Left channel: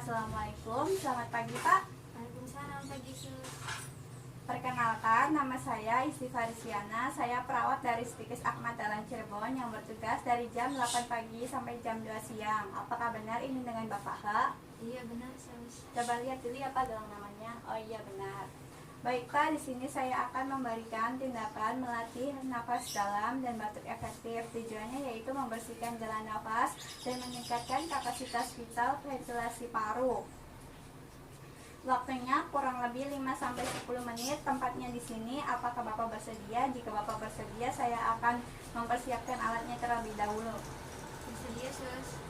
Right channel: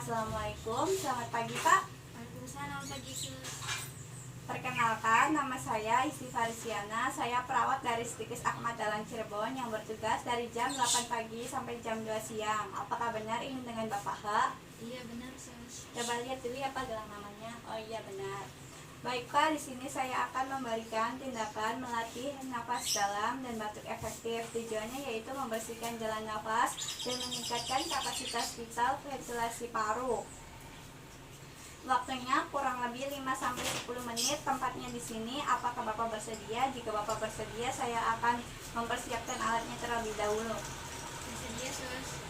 Assalamualaikum, selamat pagi Pak. Waalaikumsalam pagi sus. Perkenalkan, nama saya Isti Farisiana. Saya perawat dari Stikes Ahmad Dahlan Cirebon yang bertugas dari jam 8 pagi sampai jam 2 siang. Apakah benar ini dengan Bapak Pak? Iya benar sus. Coba lihat dulu ya Pak gelang namanya. Oh iya benar. Baik Pak, di sini saya akan memberikan tindakan melatih nafas dalam dan batuk efektif. Tujuannya yaitu membersihkan jalan nafas dan meningkatkan kapasitas vital ventilasi paru. Waktunya kurang lebih 5-10 menit. Tempatnya di sini. Apakah Bapak bersedia? Jika Bapak bersedia, saya akan mempersiapkan alatnya terlebih dahulu. Bersedia sus.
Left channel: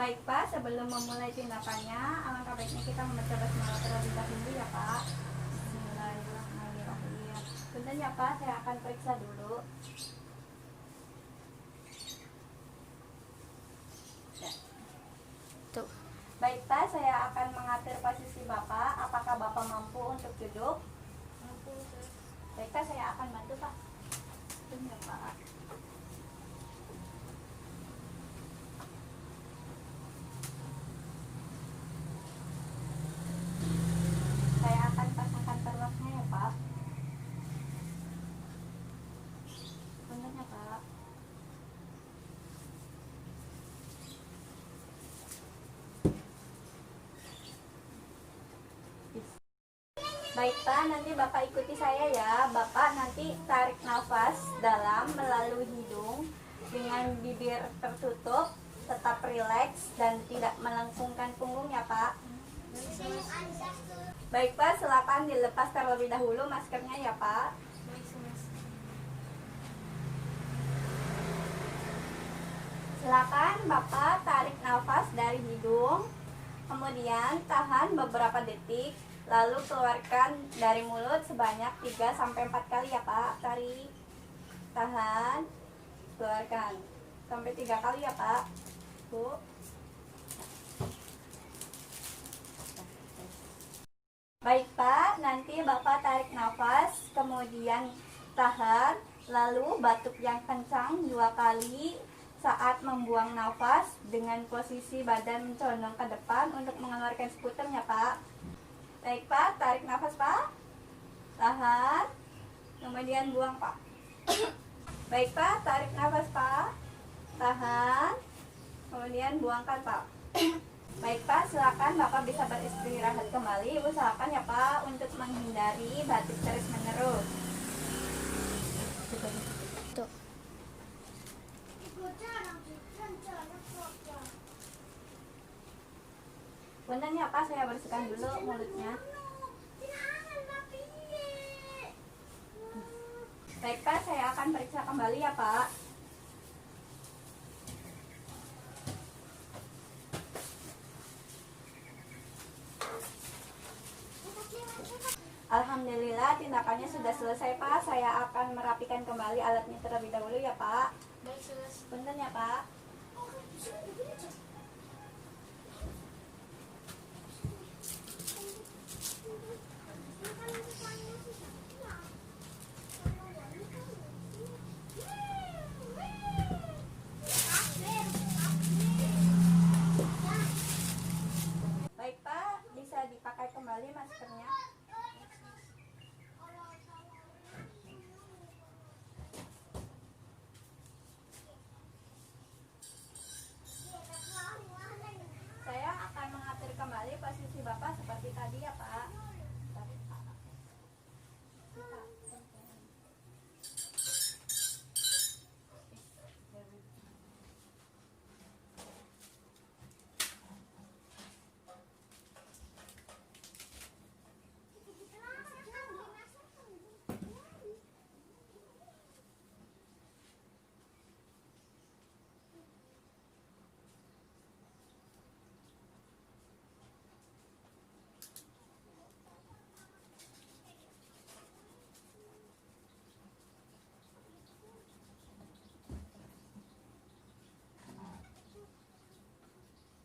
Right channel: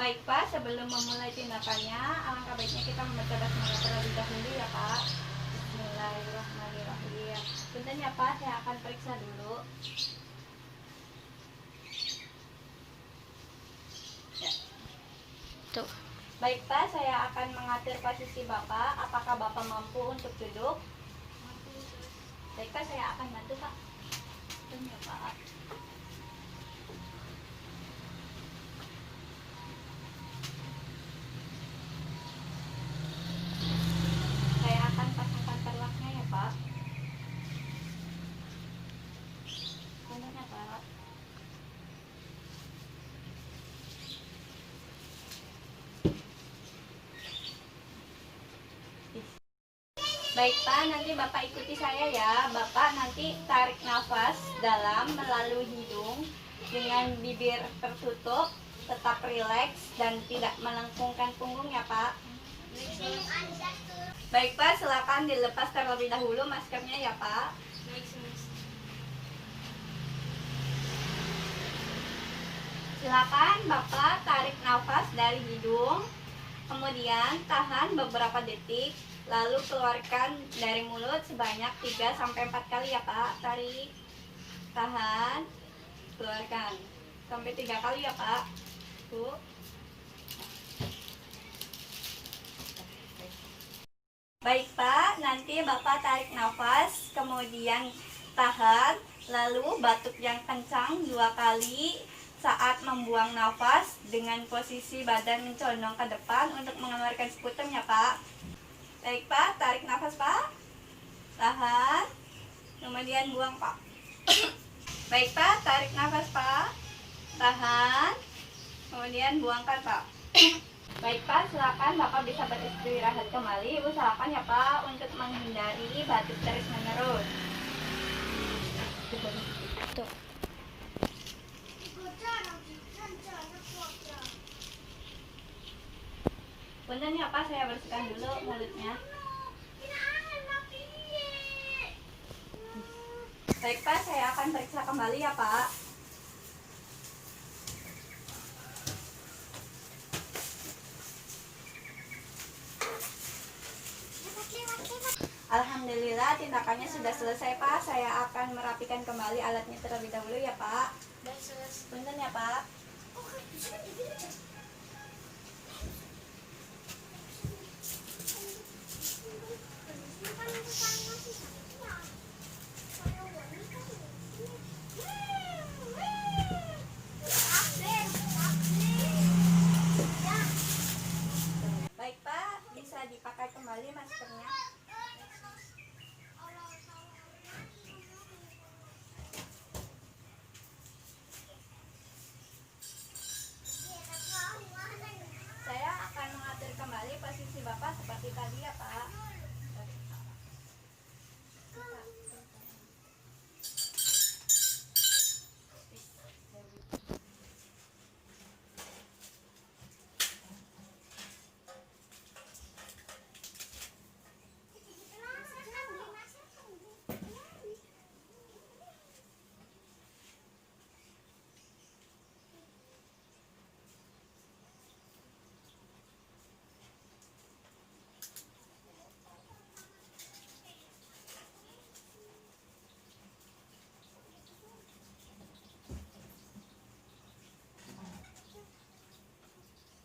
Baik Pak, sebelum memulai tindakannya, alangkah baiknya kita membaca basmalah terlebih dahulu ya Pak. Bismillahirrahmanirrahim. Bentar ya Pak, saya akan periksa dulu. Ya. Tuh. Baik Pak, saya akan mengatur posisi Bapak. Apakah Bapak mampu untuk duduk? Mampu sus. Baik Pak, saya akan bantu Pak. Bentar ya Pak. Saya akan pasangkan perlaknya ya Pak. Bentar ya Pak. Baik Pak, nanti Bapak ikuti saya ya. Bapak nanti tarik nafas dalam melalui hidung dengan bibir tertutup, tetap rileks dan tidak melengkungkan punggung ya Pak. Baik sus. Baik Pak, silakan dilepas terlebih dahulu maskernya ya Pak. Baik sus. Silakan Bapak tarik nafas dari hidung, kemudian tahan beberapa detik, lalu keluarkan dari mulut sebanyak 3-4 kali ya Pak. Tarik, tahan, keluarkan sampai 3 kali ya Pak. Tuh. Baik Pak, nanti Bapak tarik nafas, kemudian tahan, lalu batuk yang kencang 2 kali. Saat membuang nafas dengan posisi badan mencondong ke depan untuk mengeluarkan sputum ya Pak. Baik Pak, tarik nafas Pak. Tahan. Kemudian buang Pak. Baik Pak, tarik nafas Pak. Tahan. Kemudian buangkan Pak. Baik Pak, silakan Bapak bisa beristirahat kembali. Usahakan ya Pak untuk menghindari batuk terus menerus. Tuh. Punten ya Pak, saya bersihkan dulu mulutnya. Baik Pak, saya akan periksa kembali ya Pak. Alhamdulillah tindakannya sudah selesai Pak. Saya akan merapikan kembali alatnya terlebih dahulu ya Pak. Baik sus. Punten ya Pak. kembali maskernya. Saya akan mengatur kembali posisi Bapak seperti tadi ya Pak.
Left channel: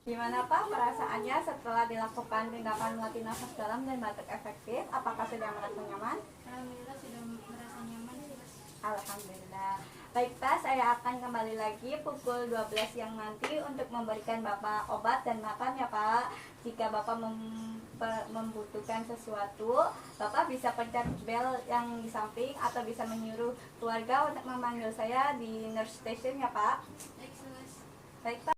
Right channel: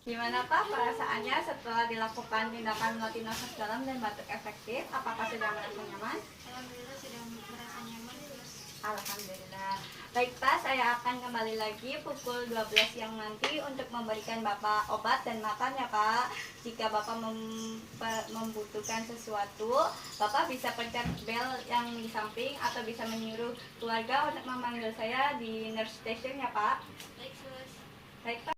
Gimana Pak perasaannya setelah dilakukan tindakan melatih nafas dalam dan batuk efektif? Apakah sudah merasa nyaman? Alhamdulillah sudah merasa nyaman, Mas. Alhamdulillah. Baik Pak, saya akan kembali lagi pukul 12 siang nanti untuk memberikan Bapak obat dan makan ya Pak. Jika Bapak membutuhkan sesuatu, Bapak bisa pencet bel yang di samping atau bisa menyuruh keluarga untuk memanggil saya di nurse station ya Pak. Baik, Mas. Baik Pak.